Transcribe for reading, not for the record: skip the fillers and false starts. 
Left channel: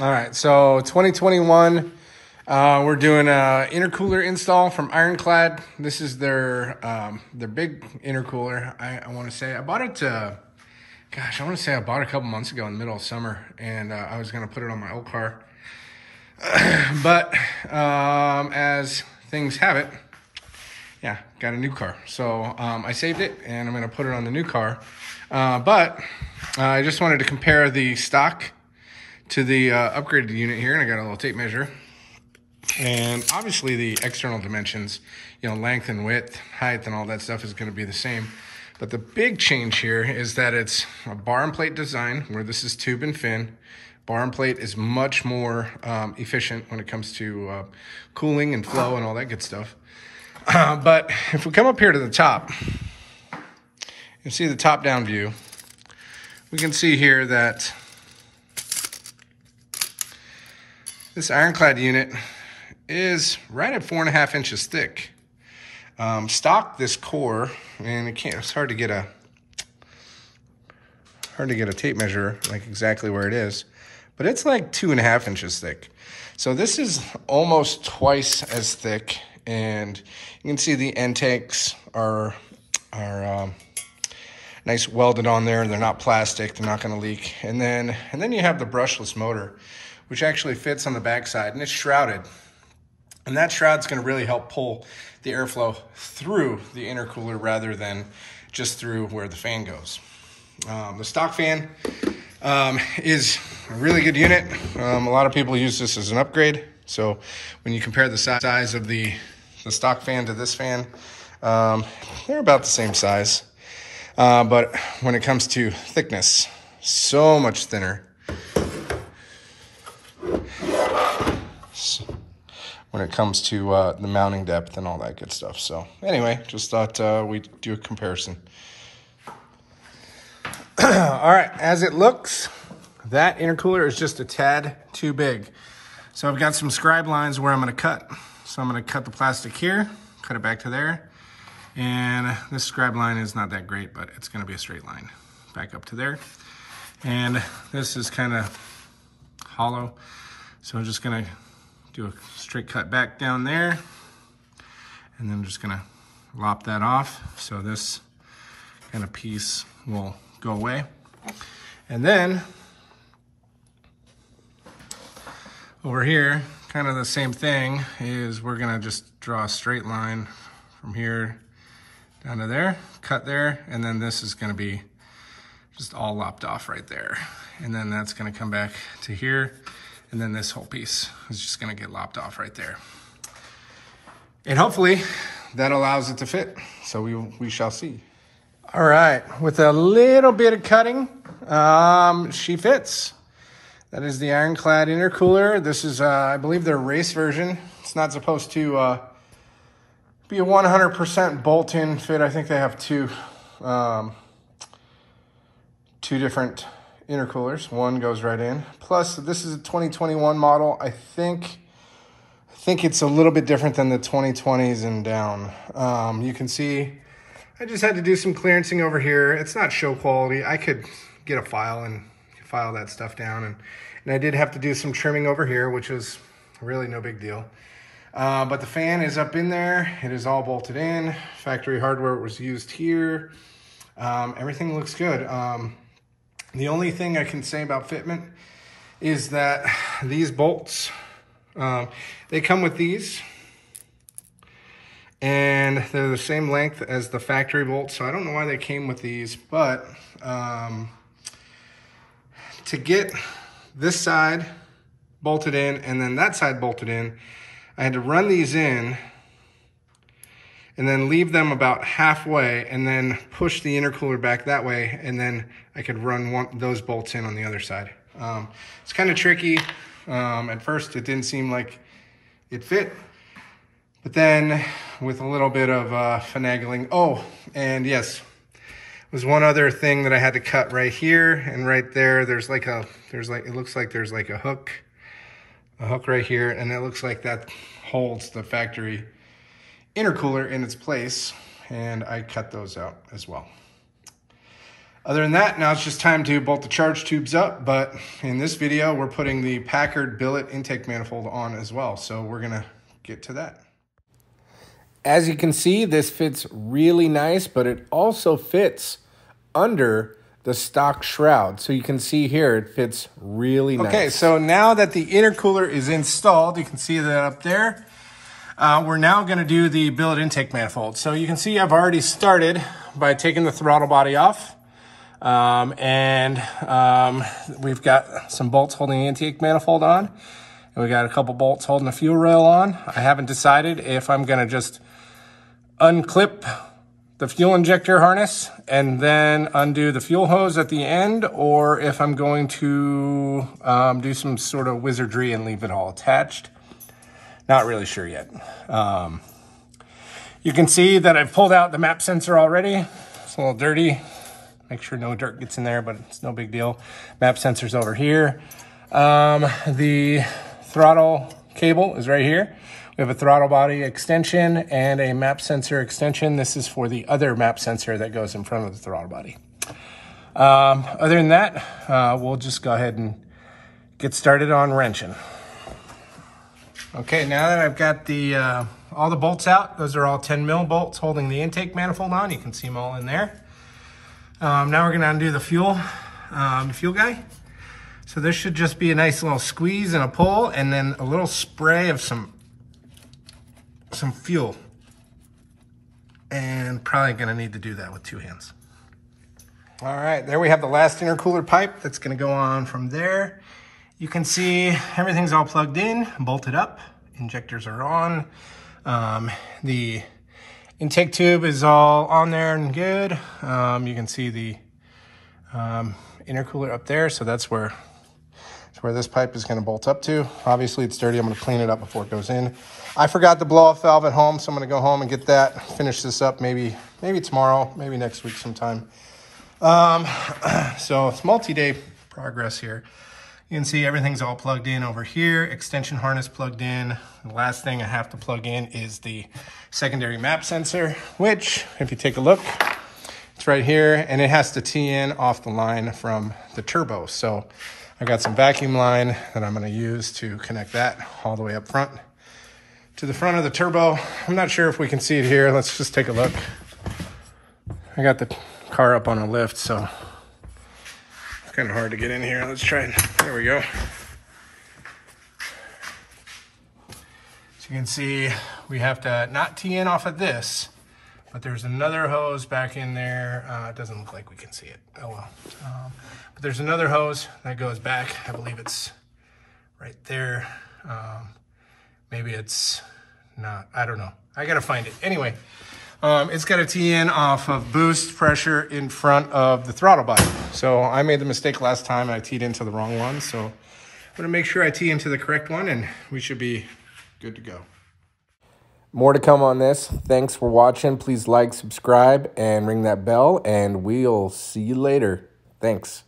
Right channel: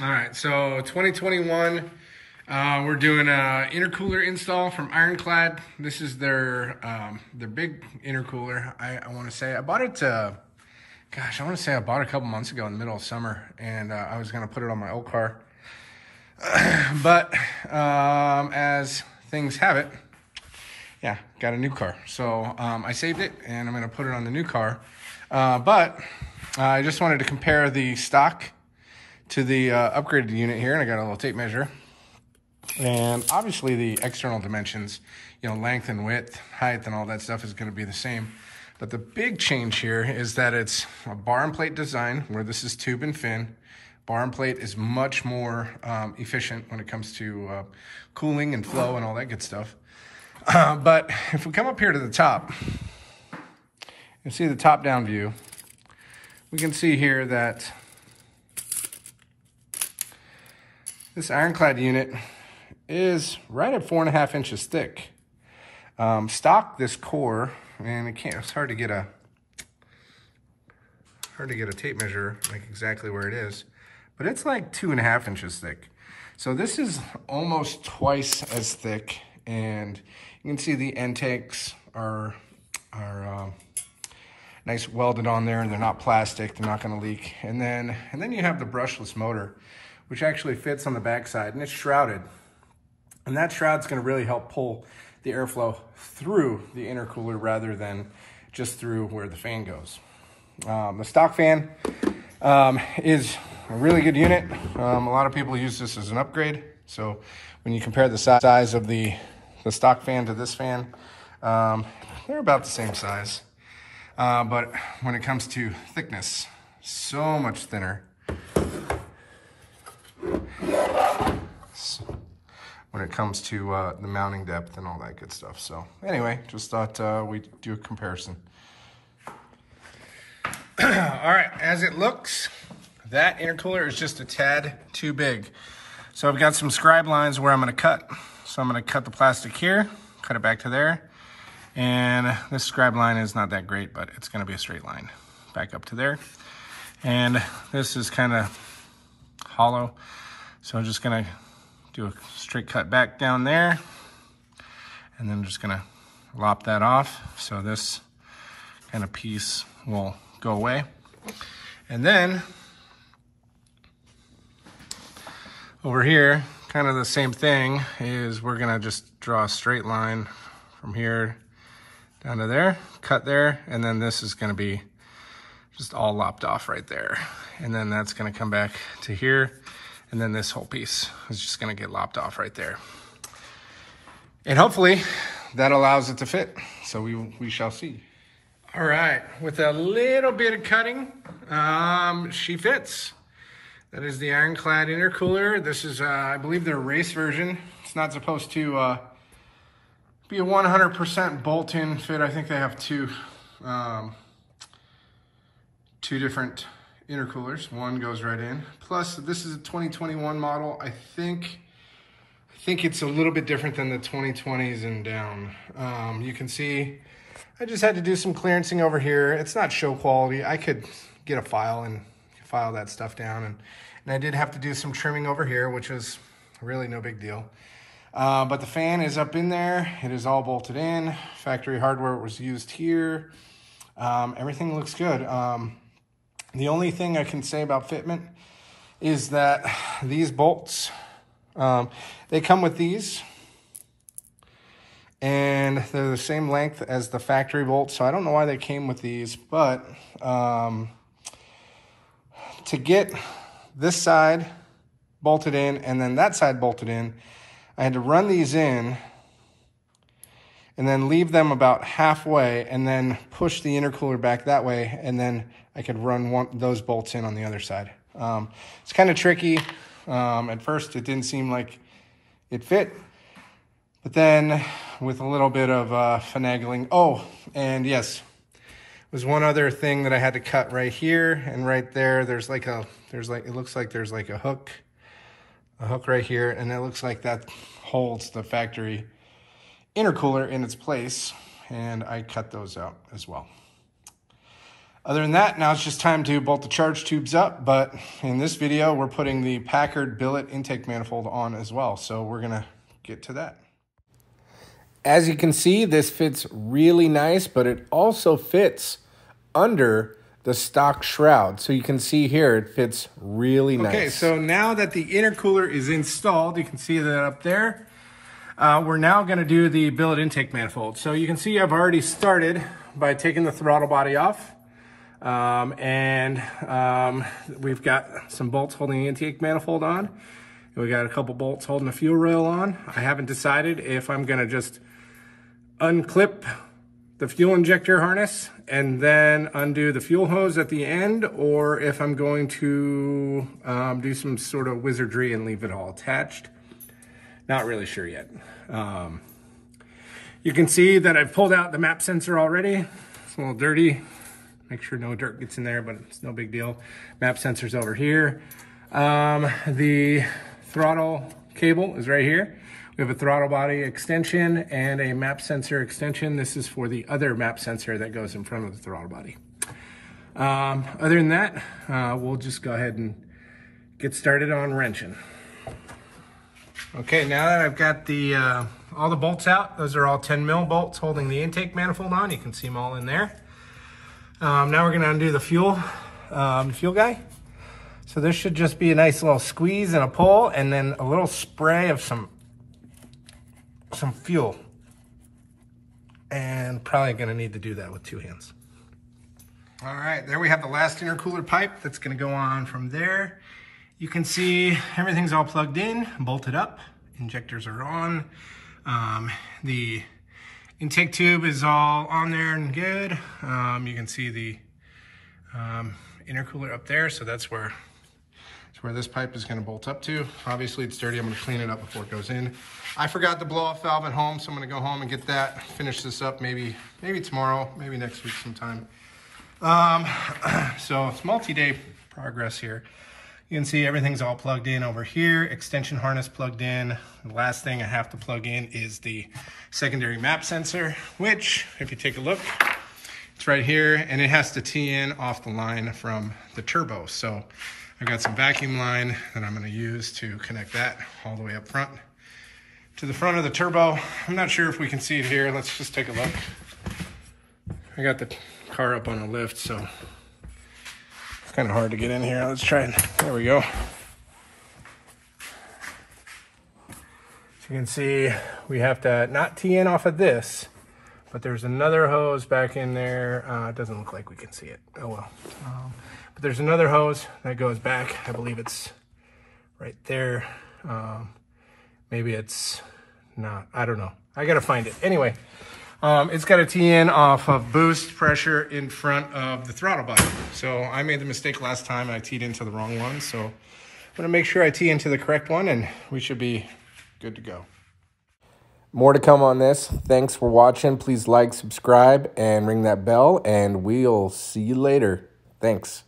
All right, so 2021, we're doing a intercooler install from Ironclad. This is their big intercooler. I want to say I bought it. Gosh, I want to say I bought it a couple months ago in the middle of summer, and I was gonna put it on my old car, but as things have it, yeah, got a new car. So I saved it, and I'm gonna put it on the new car. But I just wanted to compare the stock to the upgraded unit here, and I got a little tape measure. And obviously the external dimensions, you know, length and width, height, and all that stuff is going to be the same. But the big change here is that it's a bar and plate design, where this is tube and fin. Bar and plate is much more efficient when it comes to cooling and flow and all that good stuff. But if we come up here to the top, you see the top-down view. We can see here that this Ironclad unit is right at 4.5 inches thick. Stock, this core, and it's hard to get a tape measure like exactly where it is, but it's like 2.5 inches thick. So this is almost twice as thick, and you can see the intakes are nice welded on there. They're not plastic, they're not going to leak. And then you have the brushless motor, which actually fits on the backside, and it's shrouded. And that shroud's going to really help pull the airflow through the intercooler rather than just through where the fan goes. The stock fan is a really good unit. A lot of people use this as an upgrade. So when you compare the size of the stock fan to this fan, they're about the same size. But when it comes to thickness, so much thinner. When it comes to the mounting depth and all that good stuff. So anyway, just thought we'd do a comparison. All right, as it looks, that intercooler is just a tad too big. So I've got some scribe lines where I'm gonna cut. So I'm gonna cut the plastic here, cut it back to there. And this scribe line is not that great, but it's gonna be a straight line back up to there. And this is kind of hollow. So I'm just gonna do a straight cut back down there, and then I'm just gonna lop that off. So this kind of piece will go away. And then over here, kind of the same thing, is we're gonna just draw a straight line from here down to there, cut there, and then this is gonna be just all lopped off right there. And then that's gonna come back to here, and then this whole piece is just gonna get lopped off right there. And hopefully that allows it to fit. So we shall see. All right, with a little bit of cutting, she fits. That is the Ironclad intercooler. This is, I believe, their race version. It's not supposed to be a 100% bolt-in fit. I think they have two different intercoolers. One goes right in. Plus, this is a 2021 model. I think it's a little bit different than the 2020s and down. You can see I just had to do some clearancing over here. It's not show quality. I could get a file and file that stuff down. And I did have to do some trimming over here, which was really no big deal. But the fan is up in there. It is all bolted in. Factory hardware was used here. Everything looks good. The only thing I can say about fitment is that these bolts, they come with these, and they're the same length as the factory bolts. So I don't know why they came with these, but to get this side bolted in and then that side bolted in, I had to run these in and then leave them about halfway and then push the intercooler back that way, and then I could run those bolts in on the other side. It's kind of tricky. At first it didn't seem like it fit, but then with a little bit of finagling. Oh, and yes, there's one other thing that I had to cut right here and right there. It looks like there's like a hook right here, and it looks like that holds the factory intercooler in its place, and I cut those out as well. Other than that, now it's just time to bolt the charge tubes up, but in this video, we're putting the Packard billet intake manifold on as well, so we're gonna get to that. As you can see, this fits really nice, but it also fits under the stock shroud. So you can see here, it fits really nice. Okay, so now that the intercooler is installed, you can see that up there, we're now gonna do the billet intake manifold. So you can see I've already started by taking the throttle body off. We've got some bolts holding the intake manifold on. And we got a couple bolts holding the fuel rail on. I haven't decided if I'm gonna just unclip the fuel injector harness and then undo the fuel hose at the end, or if I'm going to do some sort of wizardry and leave it all attached. Not really sure yet. You can see that I've pulled out the map sensor already. It's a little dirty. Make sure no dirt gets in there, but it's no big deal. Map sensor's over here. The throttle cable is right here. We have a throttle body extension and a map sensor extension. This is for the other map sensor that goes in front of the throttle body. Other than that, we'll just go ahead and get started on wrenching. Okay, now that I've got the all the bolts out, those are all 10 mil bolts holding the intake manifold on. You can see them all in there. Now we're gonna undo the fuel guy. So this should just be a nice little squeeze and a pull, and then a little spray of some fuel. And probably gonna need to do that with 2 hands. All right, there we have the last intercooler pipe that's gonna go on from there. You can see everything's all plugged in, bolted up, injectors are on. The intake tube is all on there and good. You can see the intercooler up there, so that's where this pipe is gonna bolt up to. Obviously it's dirty, I'm gonna clean it up before it goes in. I forgot the blow off valve at home, so I'm gonna go home and get that, finish this up maybe tomorrow, maybe next week sometime. So it's multi-day progress here. You can see everything's all plugged in over here, extension harness plugged in. The last thing I have to plug in is the secondary map sensor, which, if you take a look, it's right here, and it has to tee in off the line from the turbo. So I've got some vacuum line that I'm gonna use to connect that all the way up front to the front of the turbo. I'm not sure if we can see it here. Let's just take a look. I got the car up on a lift, so it's kind of hard to get in here. Let's try it. There we go. So you can see we have to not tee in off of this, but there's another hose back in there. It doesn't look like we can see it. Oh well. But there's another hose that goes back. I believe it's right there. Maybe it's not. I don't know. I gotta find it. Anyway. It's got a tee in off of boost pressure in front of the throttle body. So I made the mistake last time and I teed into the wrong one. So I'm gonna make sure I tee into the correct one and we should be good to go. More to come on this. Thanks for watching. Please like, subscribe, and ring that bell, and we'll see you later. Thanks.